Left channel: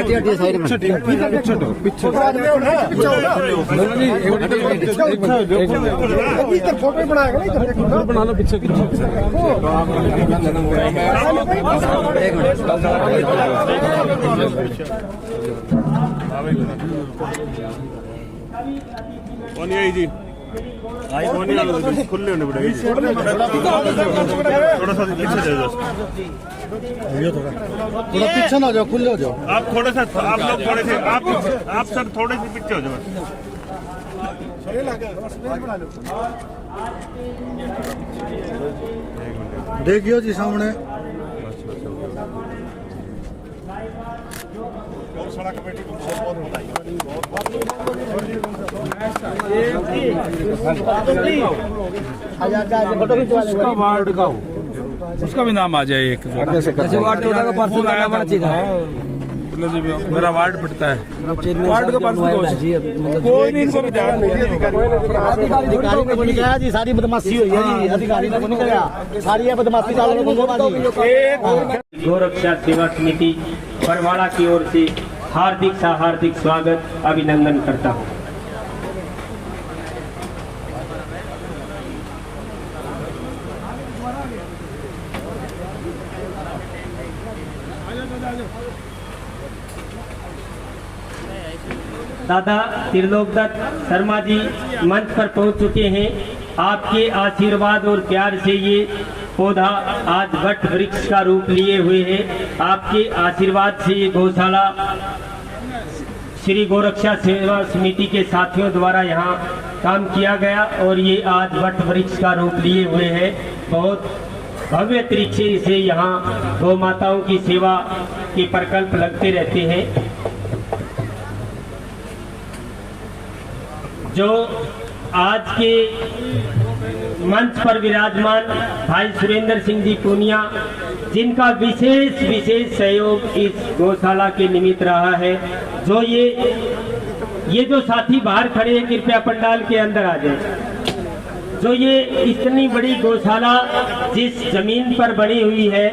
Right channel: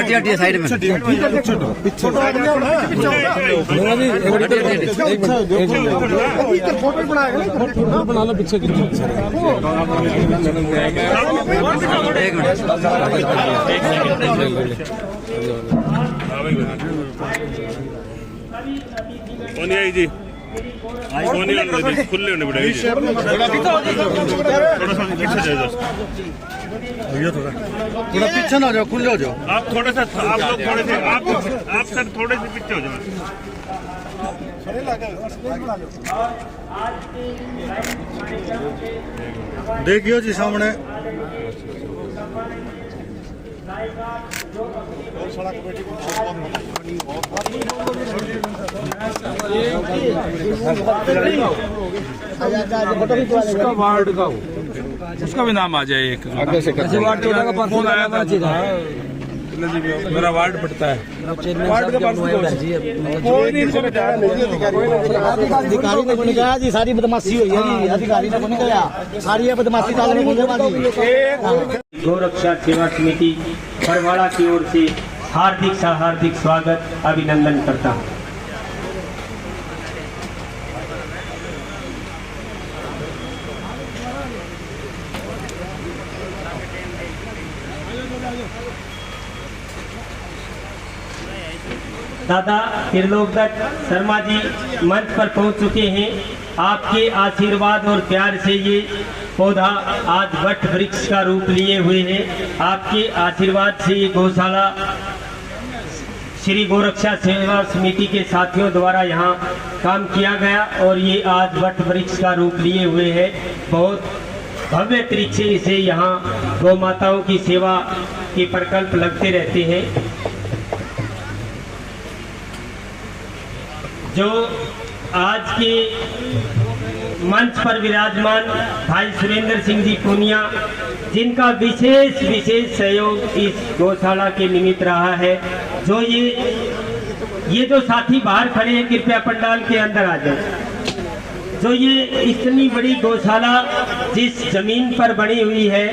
हटिए साइड में बना लो पीछे एक मिनट कौन है जी कौन है खुले होने पड़ेगा थोड़ा पीछे ना जाओ खुले हो जाओ आप थोड़े से आप सर थोड़े से पीछे हो जाओ देखियो जी सामने गौशाला कमेटी को बहुत बधाई। उसका भी नाम आ जाए एक वार्ड 14 का पार्सल करना बड़ा चीज है मेरा वार्ड पड़ता है वार्ड का पार्सल कोई नहीं अधिकारी ने जी सारी बदमाशी हुई है जी अधिकारी ने नहीं कहा सारी बदमाशी गोरक्षा सेवा समिति बरवाड़ा की ओर से हार्दिक स्वागत अभिनंदन करता हूँ। दादा त्रिलोकदत्त शर्मा जी मंच पर पहुंच चुके हैं। आपके आशीर्वाद और प्यार से ये पौधा आज वट वृक्ष का रूप लिए हुए है। आपके आशीर्वाद से ये गौशाला श्री गोरक्षा सेवा समिति के साथियों द्वारा यहाँ काम किया गया और ये आज वट वृक्ष का रूप लिए हुए है। बहुत भव्य तरीके से यहाँ गौ माताओं की सेवा के प्रकल्प लगते रहते हैं। जो आज के मंच पर विराजमान भाई सुरेंद्र सिंह जी पूनिया, जिनका विशेष सहयोग इस गौशाला के निमित्त रहा है। जो ये जो साथी बाहर खड़े हैं कृपया पंडाल के अंदर आ जाए। जो ये इतनी बड़ी गौशाला जिस जमीन पर बनी हुई है,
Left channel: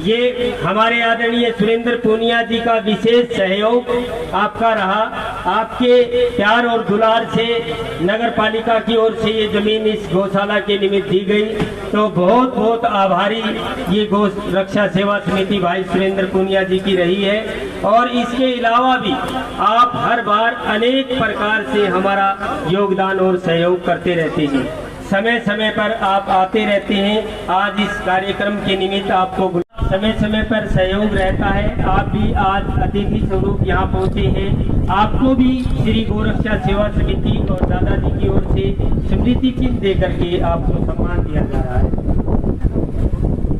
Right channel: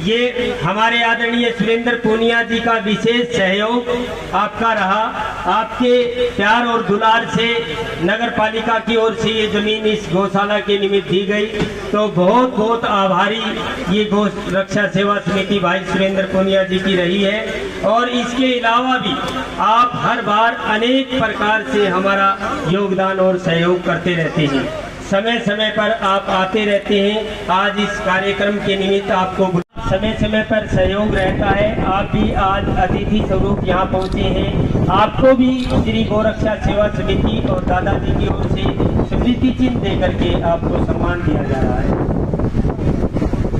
ये हमारे आदरणीय सुरेंद्र पूनिया जी का विशेष सहयोग आपका रहा। आपके प्यार और दुलार से नगर पालिका की ओर से ये जमीन इस गौशाला के निमित्त दी गई। तो बहुत बहुत आभारी ये गौ रक्षा सेवा समिति भाई सुरेंद्र पूनिया जी की रही है। और इसके अलावा भी आप हर बार अनेक प्रकार से हमारा योगदान और सहयोग करते रहते हैं। समय समय पर आप आते रहते हैं। आज इस कार्यक्रम के निमित्त आपको समय समय पर सहयोग रहता है। आप भी आज अतिथि स्वरूप यहाँ पहुँचे हैं। आपको भी श्री गोरक्षा सेवा समिति और दादाजी की ओर से स्मृति चिन्ह दे करके आपको सम्मान दिया जा रहा है।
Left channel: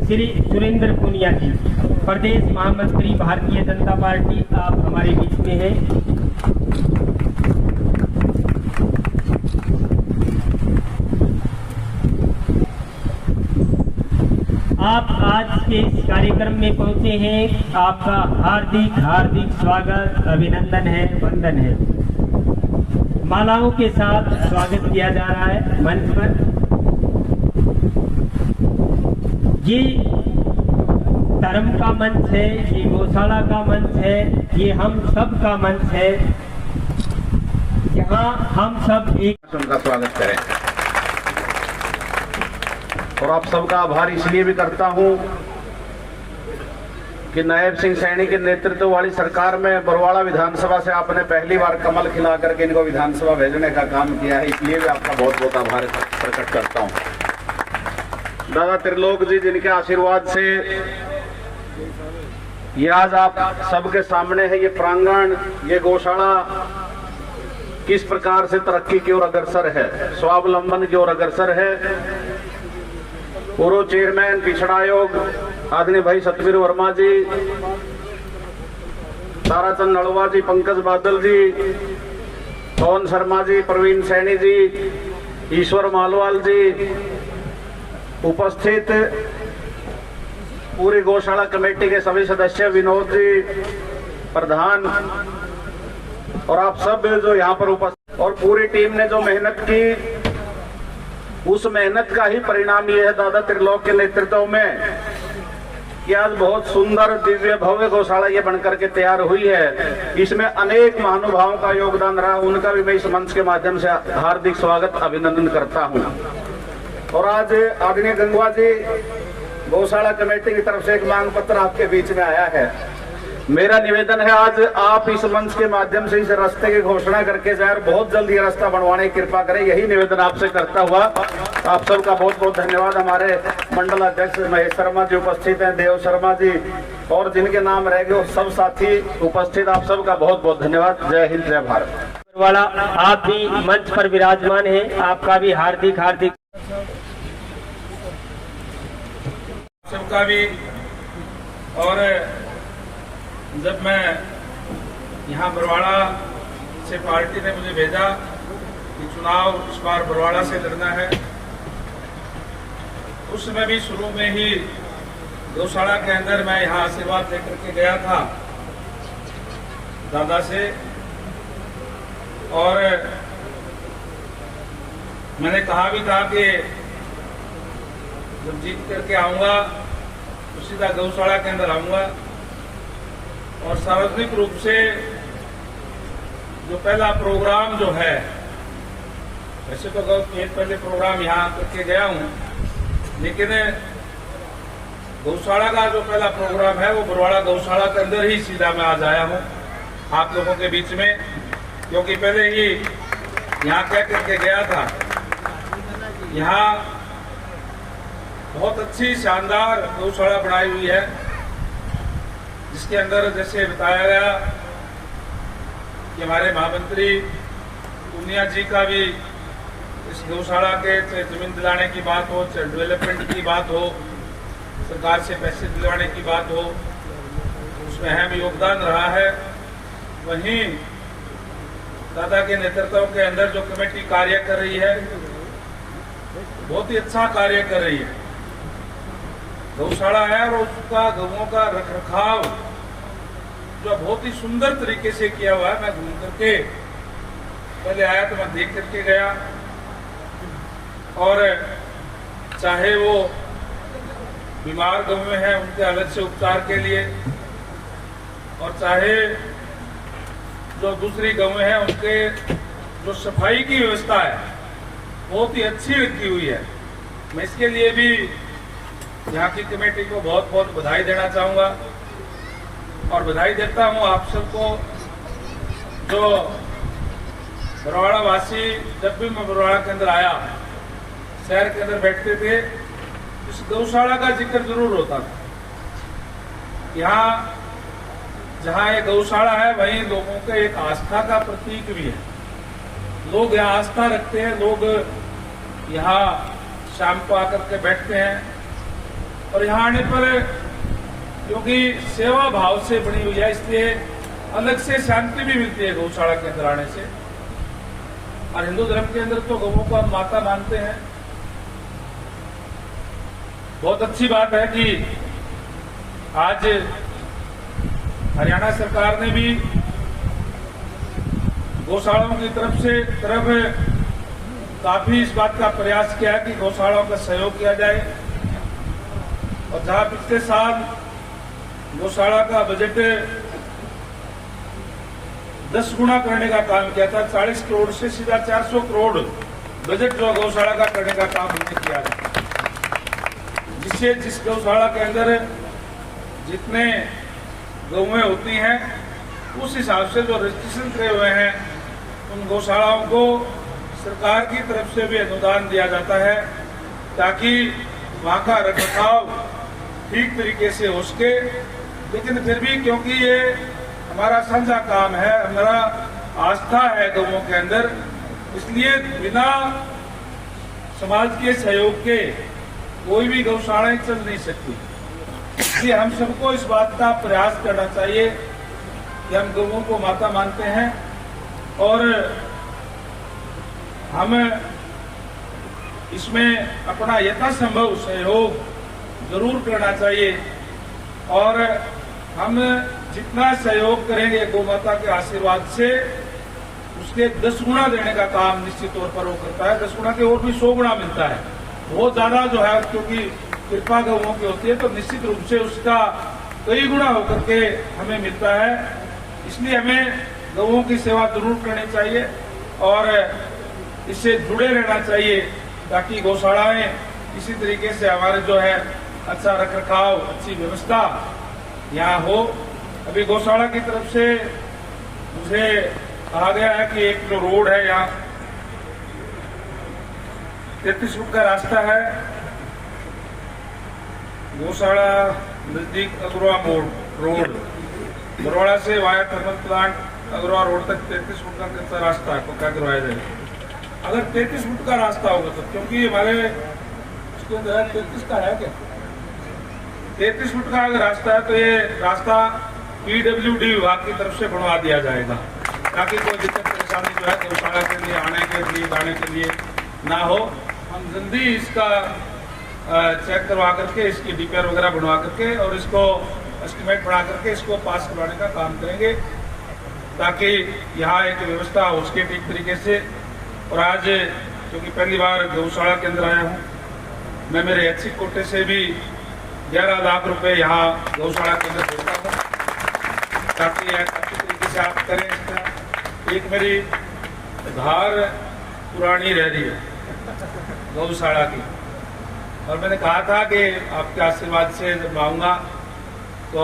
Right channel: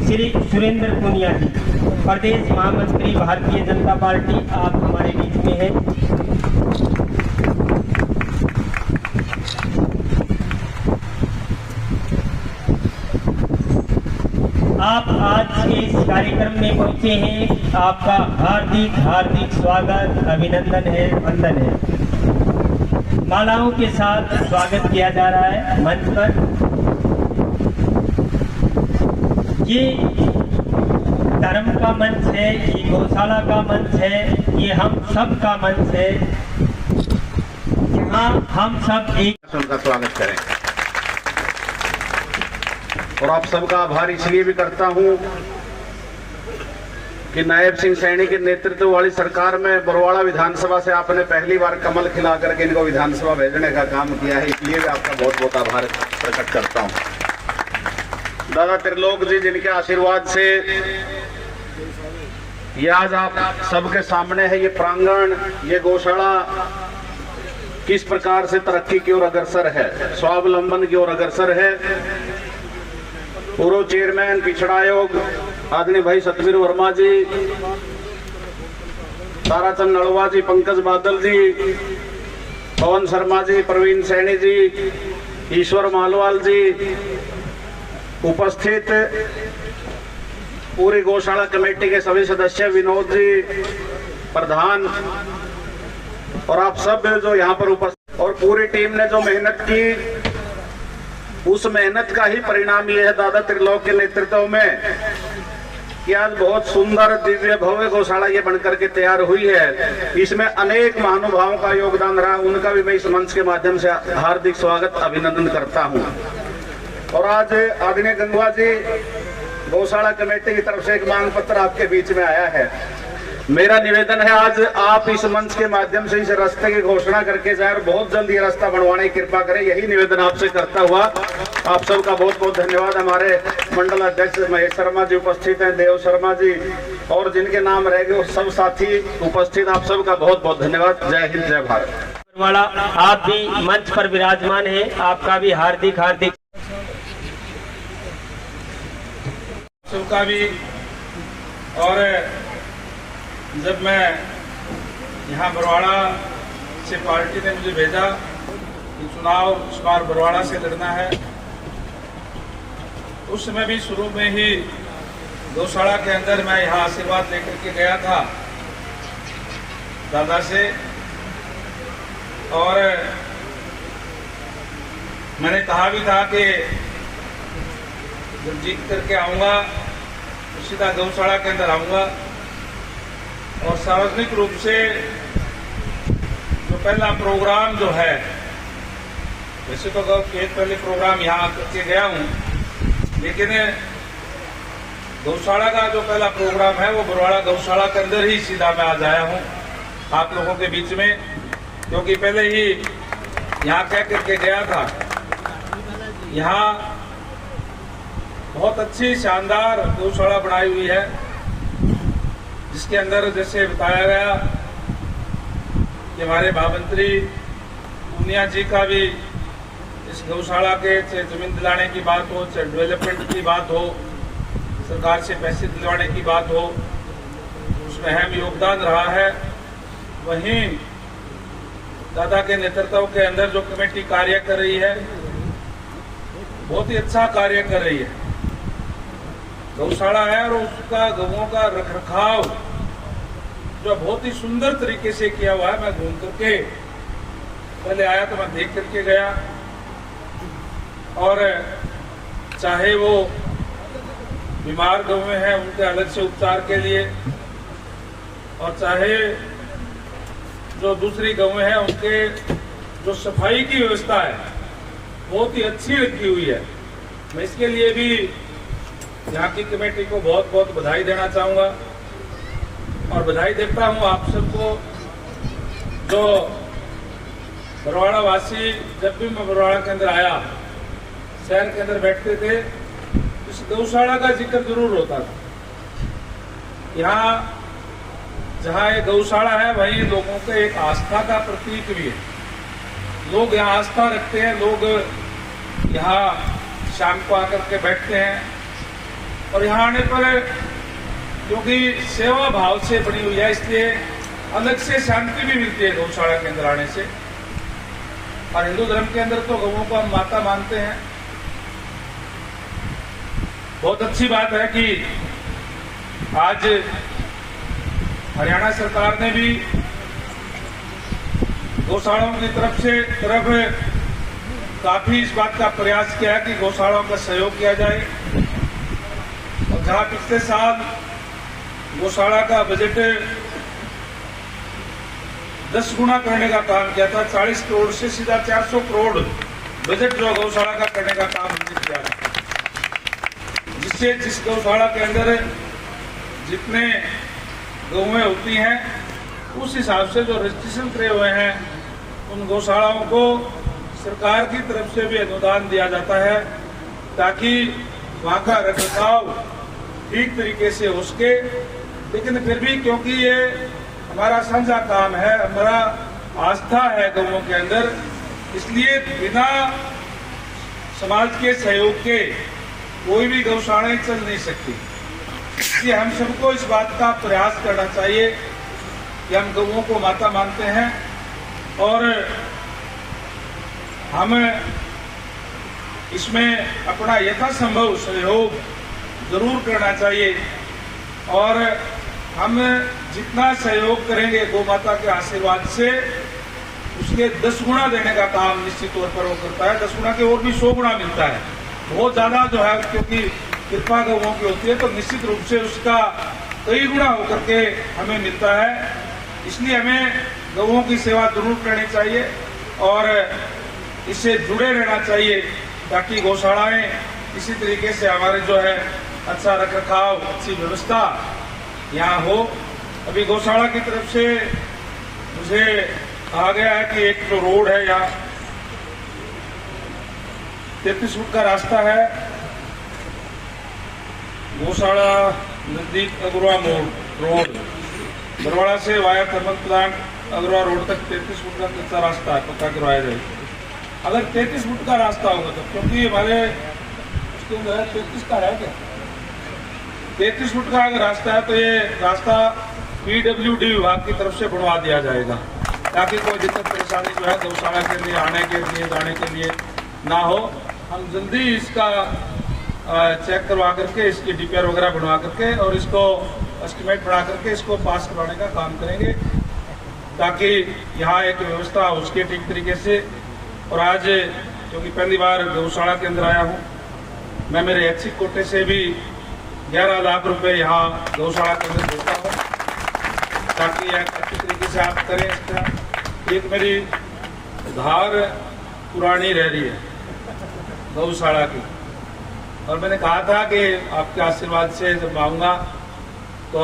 श्री सुरेंद्र पूनिया जी, प्रदेश महामंत्री भारतीय जनता पार्टी, आप हमारे बीच में हैं। आप आज के इस कार्यक्रम में पहुंचे हैं। आपका हार्दिक स्वागत, अभिनंदन है, वंदन है। मालाओं के साथ स्वागत किया जा रहा है मंच पर। ये धर्म का मंच है, ये गौशाला का मंच है, ये हम सब का मंच है, जहाँ हम सब एक उनका स्वागत करें। और आप सबका आभार इसलिए भी करता हूं कि नायब सिंह सैनी के नेतृत्व वाली सरकार में बरवाड़ा विधानसभा से आपने पहली बार कमल खिला करके इनको विधानसभा भेजने का काम किया है, इसलिए भी आपका बहुत बहुत आभार प्रकट करता हूं। दादा त्रिलोक जी, जिनके आशीर्वाद से ये आज आप सबके सामने है, ये प्रांगण, ये गौशाला किस प्रकार से तरक्की की ओर अग्रसर है, स्वावलंबन की ओर अग्रसर है। पूर्व चेयरमैन पिछड़ा आयोग आदरणीय भाई सतवीर वर्मा जी, ताराचंद नड़वा जी, पंकज बादल जी, पवन शर्मा जी, प्रवीण सैनी जी, ईश्वर मालवाल जी, उपस्थित पूरी गौशाला कमेटी के सभी सदस्य, विनोद जी प्रधान, और आप सब जो यहाँ पर उपस्थित, और पूरी टीम ने जो मेहनत की, उस मेहनत का ही परिणाम ये है दादा त्रिलोक के नेतृत्व में कि आज बहुत सुंदर दिव्य भव्य गौशाला ये बनकर के तैयार हुई है। इसमें अनेक महानुभावों का योगदान रहा, उनका भी मैं इस मंच के माध्यम से हार्दिक स्वागत अभिनंदन करता हूँ। और आज आदरणीय गंगवा जी, गौशाला कमेटी की तरफ से एक मांग पत्र आपके बीच में आया है। मेरा निवेदन है, आज आप इस मंच के माध्यम से इस रास्ते की घोषणा करके जाए और बहुत जल्द ये रास्ता बनवाने की कृपा करें, यही निवेदन आपसे करता हुआ आप सबका बहुत बहुत धन्यवाद। हमारे मंडल अध्यक्ष महेश शर्मा जी उपस्थित हैं, देव शर्मा जी, और जिनके नाम रह गए सब साथी उपस्थित, आप सबका बहुत बहुत धन्यवाद। जय हिंद, जय भारत। वाला आप भी मंच पर विराजमान है, आपका भी हार्दिक हार्दिक सबका भी। और जब मैं यहाँ बरवाड़ा से पार्टी ने मुझे भेजा कि चुनाव इस बार बरवाड़ा से लड़ना है, उस समय भी शुरू में ही गौशाला के अंदर मैं यहाँ आशीर्वाद लेकर के गया था दादा से, और मैंने कहा भी था कि जब जीत करके आऊंगा तो सीधा गौशाला के अंदर आऊंगा और सार्वजनिक रूप से जो पहला प्रोग्राम जो है, वैसे तो पहले प्रोग्राम यहाँ करके गया हूँ, लेकिन गौशाला का जो पहला प्रोग्राम है वो बरवाड़ा गौशाला के अंदर ही सीधा मैं आज आया हूँ आप लोगों के बीच में, क्योंकि पहले ही यहाँ कह करके गया था। यहाँ बहुत अच्छी शानदार गौशाला बनाई हुई है, जिसके अंदर जैसे बताया गया कि हमारे महामंत्री पूनिया जी का भी इस गौशाला के जमीन दिलाने की बात हो, डेवलपमेंट की बात हो, सरकार से पैसे दिलवाने की बात हो, उसमें अहम योगदान रहा है। वहीं दादा के नेतृत्व के अंदर जो कमेटी कार्य कर रही है, बहुत ही अच्छा कार्य कर रही है। गौशाला है और उसका गौओं का रखरखाव जो बहुत ही सुंदर तरीके से किया हुआ है। मैं घूम करके पहले आया तो मैं देख करके गया, और चाहे वो बीमार गौएं हैं उनके अलग से उपचार के लिए, और चाहे जो दूसरी गौएं हैं उनके जो सफाई की व्यवस्था है बहुत ही अच्छी रखी हुई है। मैं इसके लिए भी यहाँ की कमेटी को बहुत बहुत बधाई देना चाहूंगा, और बधाई देता हूँ आप सबको जो बरवाड़ा वासी। जब भी मैं बरवाड़ा के अंदर आया, शहर के अंदर बैठते थे, इस गौशाला का जिक्र जरूर होता था। यहाँ जहाँ ये गौशाला है वहीं लोगों के एक आस्था का प्रतीक भी है। लोग यहाँ आस्था रखते हैं, लोग यहाँ शाम को आकर के बैठते हैं, और यहाँ आने पर क्योंकि सेवा भाव से बनी हुई है, इसलिए अलग से शांति भी मिलती है गौशाला के अंदर आने से। और हिंदू धर्म के अंदर तो गौओं को हम माता मानते हैं। बहुत अच्छी बात है कि आज हरियाणा सरकार ने भी गौशालाओं की तरफ काफी इस बात का प्रयास किया कि गौशालाओं का सहयोग किया जाए। और जहां पिछले साल गौशाला का बजट 10 गुना करने का काम किया था। 40 करोड़ से सीधा 400 करोड़ बजट जो गौशाला का करने का काम हमने किया था, जिससे जिस गौशाला के अंदर जितने गौएं होती हैं उस हिसाब से जो रजिस्ट्रेशन करे हुए हैं उन गौशालाओं को सरकार की तरफ से भी अनुदान दिया जाता है, ताकि वहां का रखरखाव ठीक तरीके से हो सके। लेकिन फिर भी क्योंकि ये हमारा साझा काम है, हमारा आस्था है गौओं के अंदर, इसलिए बिना समाज के सहयोग के कोई भी गौशालाएं चल नहीं सकती। इसलिए हम सबको इस बात का प्रयास करना चाहिए कि हम गौओं को माता मानते हैं और हम इसमें अपना यथासंभव सहयोग जरूर करना चाहिए और हम जितना सहयोग करेंगे गौ माता के आशीर्वाद से उसके 10 गुना देने का काम निश्चित तौर पर वो करता है। 10 गुना के और भी 100 गुना मिलता है। बहुत ज्यादा जो है, क्योंकि कृपा गौओं की होती है तो निश्चित रूप से उसका कई गुना होकर के हमें मिलता है। इसलिए हमें गौओं की सेवा जरूर करनी चाहिए और इससे जुड़े रहना चाहिए, ताकि गौशालाएं इसी तरीके से हमारे जो है अच्छा रखरखाव, अच्छी व्यवस्था यहाँ हो। अभी गौशाला की तरफ से मुझे कहा गया है कि एक जो रोड है यहाँ 33 फुट का रास्ता है, गौशाला नजदीक अगरवा मोड़ रोड, बरवाड़ा से via thermal plant Agarwa road तक 33 फुट का कच्चा रास्ता है, पक्का करवाया जाए। अगर 33 फुट का रास्ता होगा तो, क्योंकि हमारे उसके अंदर 33 का है क्या, 33 फुट का अगर रास्ता है तो ये रास्ता PWD विभाग की तरफ से बनवा दिया जाएगा, ताकि कोई दिक्कत परेशानी जो है गौशाला के लिए आने के लिए जाने के लिए ना हो। हम जल्दी इसका चेक करवा करके इसकी DPR वगैरह बनवा करके और इसको एस्टिमेट बना करके इसको पास करवाने का काम करेंगे, ताकि यहाँ एक व्यवस्था हो उसके ठीक तरीके से। और आज क्योंकि पहली बार गौशाला के अंदर आया हूँ, मैं मेरे ऐच्छिक कोटे से भी 11 लाख रुपए यहाँ गौशाला के अंदर देता हूँ, ताकि यह अच्छी तरीके से आप करें। इसका एक मेरी धार पुरानी रह रही है गौशाला की, और मैंने कहा था कि आपके आशीर्वाद से जब आऊंगा तो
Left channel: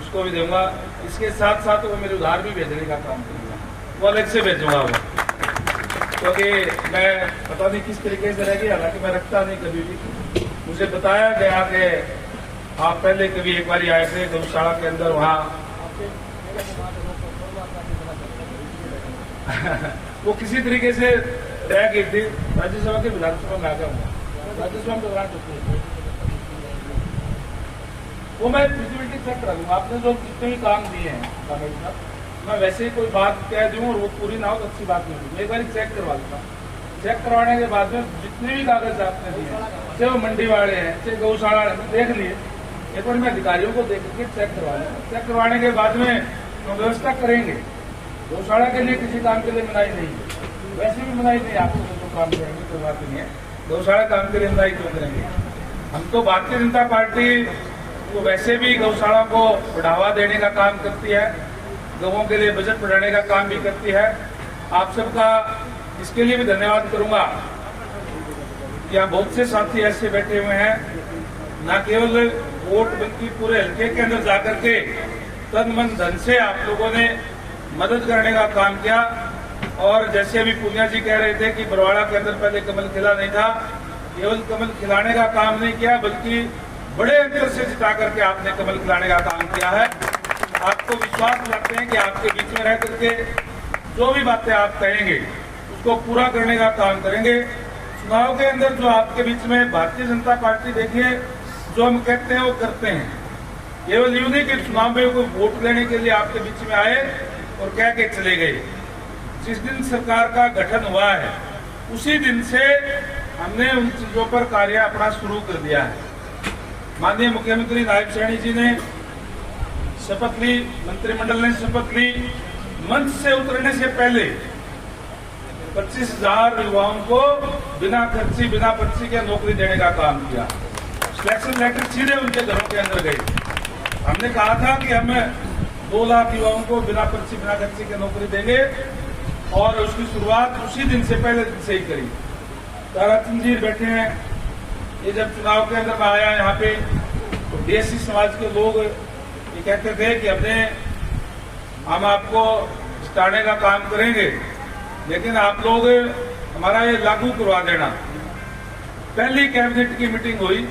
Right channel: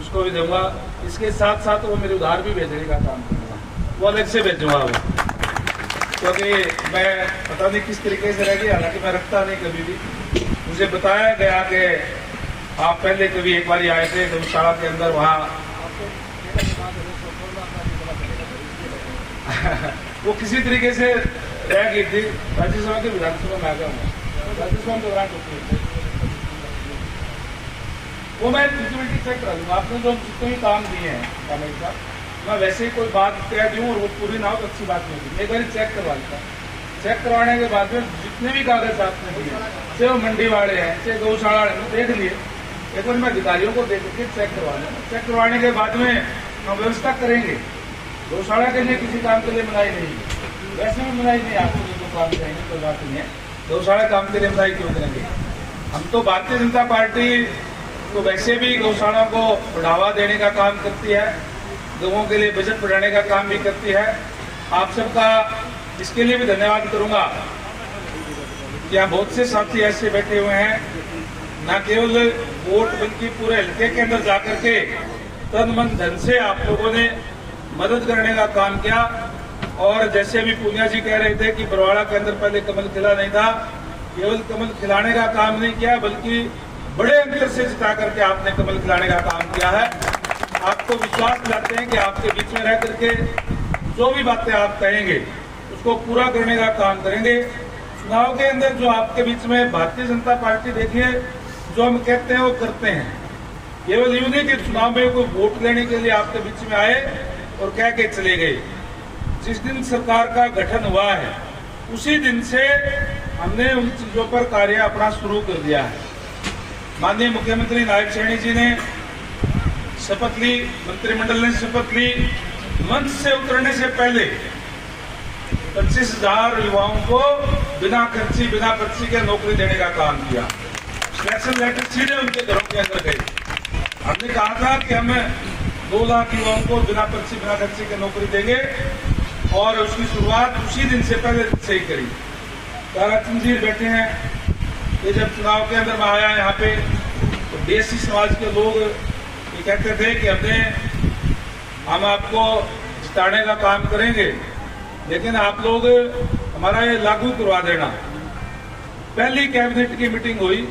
उसको भी दूंगा। इसके साथ साथ वो मेरी उधार भी भेजने का काम करूंगा, वो अलग से भेजूंगा वो, क्योंकि मैं पता नहीं किस तरीके से रह गया, हालांकि मैं रखता नहीं कभी भी। मुझे बताया गया कि आप पहले कभी एक बार आए थे गौशाला के अंदर, वहाँ वो किसी तरीके से रह गई थी। राज्यसभा के विधानसभा में आ गया हूँ, राज्यसभा में दौरान वो मैं फिजिबिलिटी चेक करा दूंगा। आपने जो जितने भी काम दिए हैं कामेश साहब, मैं वैसे ही कोई बात कह दूँ और वो पूरी ना हो तो अच्छी बात नहीं होगी। एक बार चेक करवा लेता, चेक करवाने के बाद में जितने भी कागज आपने दिए, चाहे वो मंडी वाले हैं चाहे गौशाला वाले, मैं देख लिए। एक बार मैं अधिकारियों को देख के चेक करवा लूँगा। चेक करवाने के बाद में हम व्यवस्था करेंगे। गौशाला के लिए किसी काम के लिए मनाही नहीं, वैसे भी मनाही नहीं, आपको जो काम करेंगे कोई बात नहीं है। गौशाला काम के लिए मनाही क्यों करेंगे? हम तो भारतीय जनता पार्टी तो वैसे भी गौशालाओं को बढ़ावा देने का काम करती है, गौओं के लिए बजट बढ़ाने का काम भी करती है। आप सबका इसके लिए भी धन्यवाद करूंगा। यहाँ बहुत से साथी ऐसे बैठे हुए हैं, न केवल वोट बल्कि पूरे हल्के के अंदर जाकर के तन मन धन से आप लोगों ने मदद करने का काम किया। और जैसे अभी पूनिया जी कह रहे थे कि बरवाड़ा के अंदर पहले कमल खिला नहीं था, केवल कमल खिलाने का काम नहीं किया बल्कि बड़े अंतर से जिता करके आपने कमल खिलाने का काम किया है। आपको विश्वास दिलाते हैं कि आपके बीच में रह करके जो भी बातें आप कहेंगे उसको पूरा करने का काम करेंगे। चुनाव के अंदर जो आपके बीच में भारतीय जनता पार्टी, देखिए जो हम कहते हैं वो करते हैं। केवल यूं नहीं कि चुनाव में कोई वोट लेने के लिए आपके बीच में आए और कह के चले गए। जिस दिन सरकार का गठन हुआ है उसी दिन से हमने उन चीजों पर कार्य अपना शुरू कर दिया है। माननीय मुख्यमंत्री नायब सैनी जी ने शपथ ली, मंत्रिमंडल ने शपथ ली। मंच से उतरने से पहले 25,000 युवाओं को बिना खर्ची बिना पर्ची के नौकरी देने का काम किया। सिलेक्शन लेटर सीधे उनके घरों के अंदर गए हमने कहा था कि हम 2 लाख युवाओं को बिना पर्ची बिना खर्चे की नौकरी देंगे और उसकी शुरुआत उसी दिन से पहले से ही करी। ताराचंद जी बैठे हैं, ये जब चुनाव के अंदर मैं आया यहाँ पे तो देसी समाज के लोग ये कहते थे कि हम आपको जिताने का काम करेंगे, लेकिन आप लोग हमारा ये लागू करवा देना। पहली कैबिनेट की मीटिंग हुई,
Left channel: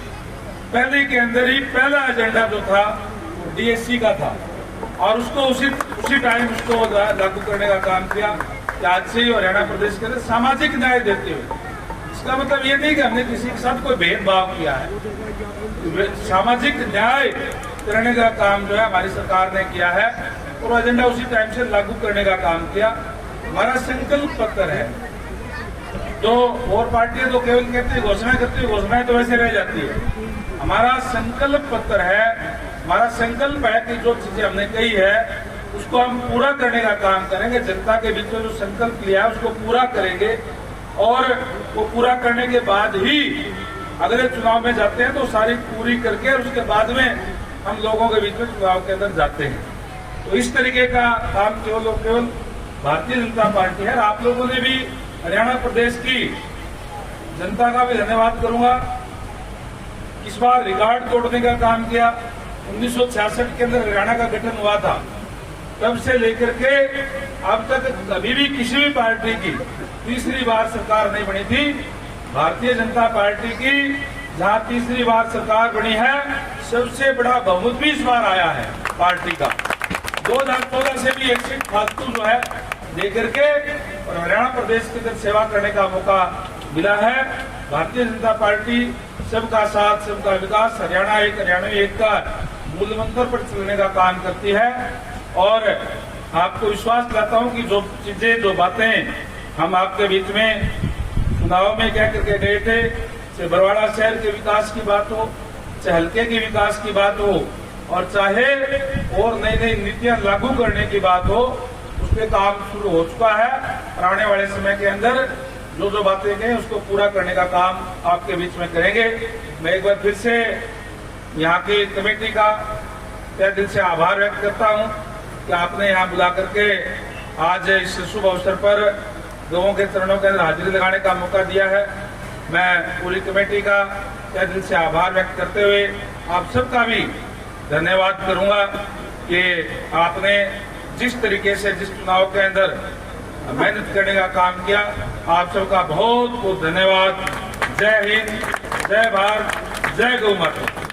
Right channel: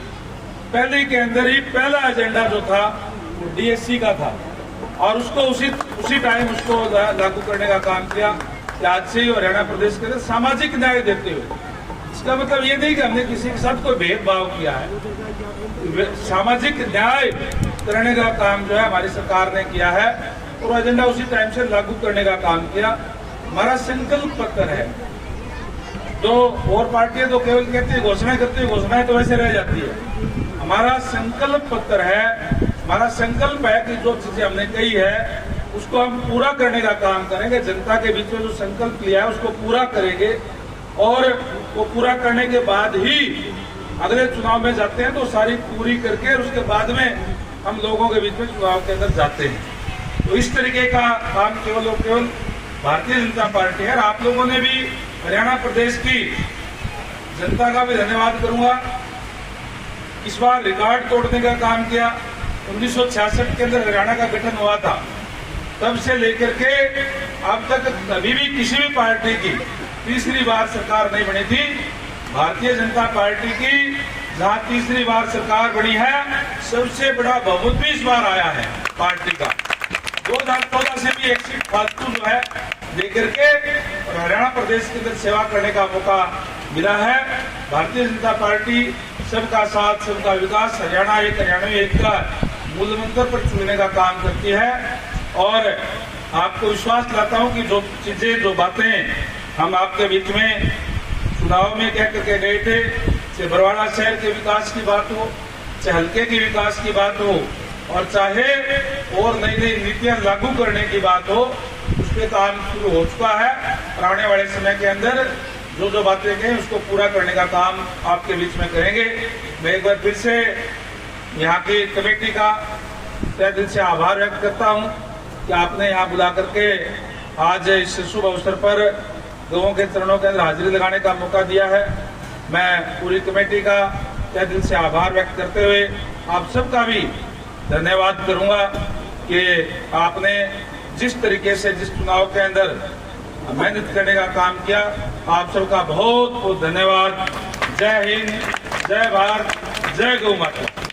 पहले के अंदर ही पहला एजेंडा जो था वो डीएससी का था और उसको उसी टाइम उसको लागू करने का काम किया कि आज से ही हरियाणा प्रदेश के लिए सामाजिक न्याय देते हुए। इसका मतलब ये नहीं कि हमने किसी के साथ कोई भेदभाव किया है, सामाजिक न्याय करने का काम जो है हमारी सरकार ने किया है और एजेंडा उसी टाइम से लागू करने का काम किया। हमारा संकल्प पत्र है। तो और पार्टियां तो केवल कहती है घोषणा करती है, घोषणाएं तो वैसे रह जाती है। हमारा संकल्प पत्र है, हमारा संकल्प है कि जो चीजें हमने कही है उसको हम पूरा करने का काम करेंगे। जनता के बीच में जो संकल्प लिया है उसको पूरा करेंगे और वो पूरा करने के बाद ही अगले चुनाव में जाते हैं तो सारी पूरी करके और उसके बाद में हम लोगों के बीच में चुनाव के अंदर जाते हैं। तो इस तरीके का काम केवल और केवल भारतीय जनता पार्टी है। आप लोगों ने भी हरियाणा प्रदेश की जनता का भी धन्यवाद करूंगा। इस बार रिकॉर्ड तोड़ने का काम किया। 1966 के अंदर हरियाणा का गठन हुआ था, तब से लेकर के अब तक कभी भी किसी भी पार्टी की तीसरी बार सरकार नहीं बनी थी। भारतीय जनता पार्टी की जहां तीसरी बार सरकार बनी है, सबसे बड़ा बहुमत भी इस बार आया है पार्टी का। 2014 से भी एक सीट फालतू जो है लेकर के और हरियाणा प्रदेश के अंदर सेवा करने का मौका मिला है। भारतीय जनता पार्टी सबका साथ सबका विकास, हरियाणा एक का मूल मंत्र पर चुनने का काम करती है और आपको विश्वास दिलाता हूं कि जो चीजें जो बातें हम आपके बीच में चुनाव में कह करके गए थे, चाहे बरवाड़ा शहर के विकास की बात हो, चाहे हल्के के विकास की बात हो और चाहे और नई नई नीतियां लागू करने की बात हो, उस पर काम शुरू हो चुका है। और आने वाले समय के अंदर जो जो बातें कहें उसको पूरा करने का काम आपके बीच में करेंगे। मैं एक बार फिर से यहाँ की कमेटी का तहे दिल से आभार व्यक्त करता हूँ कि आपने यहाँ बुला करके आज इस शुभ अवसर पर लोगों के चरणों के अंदर हाजिरी लगाने का मौका दिया है। मैं पूरी कमेटी का तहे दिल से आभार व्यक्त करते हुए आप सबका भी धन्यवाद करूंगा कि आपने जिस तरीके से जिस चुनाव के अंदर मेहनत करने का काम किया। आप सबका बहुत बहुत धन्यवाद। जय हिंद, जय भारत, जय गौ माता।